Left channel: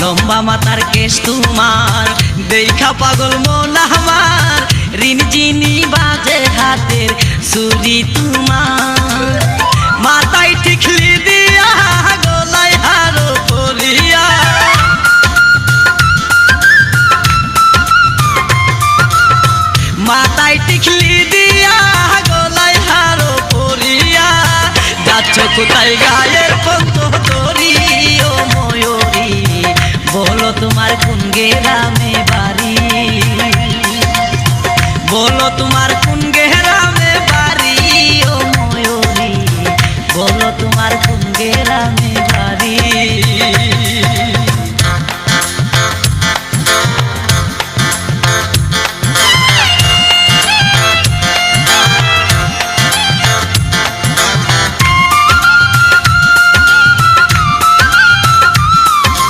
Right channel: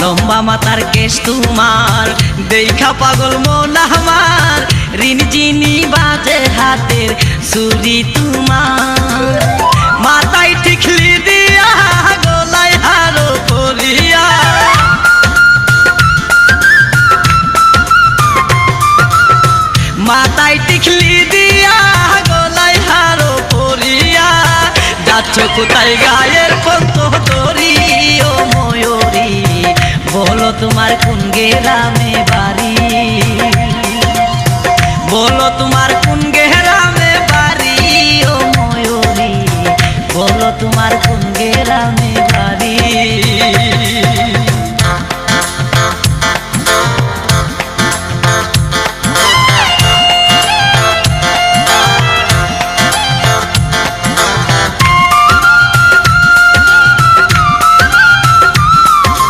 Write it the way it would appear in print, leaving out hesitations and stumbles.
লম্বা মাথার কেশ তোমার, দেখা পাগল মন আমার, রিনঝিনি বাজে হাতের চুড়ি তোমার। মাথায় টিকলি দিয়া গলায় হারো পরিয়া, মাথায় টিকলি দিয়া গলায় হারো পরিয়া, যাচ্ছ কোথায় গায়ের পন্ত ধরি ও ময়ূরী, বলো তোমার কোন গেরাম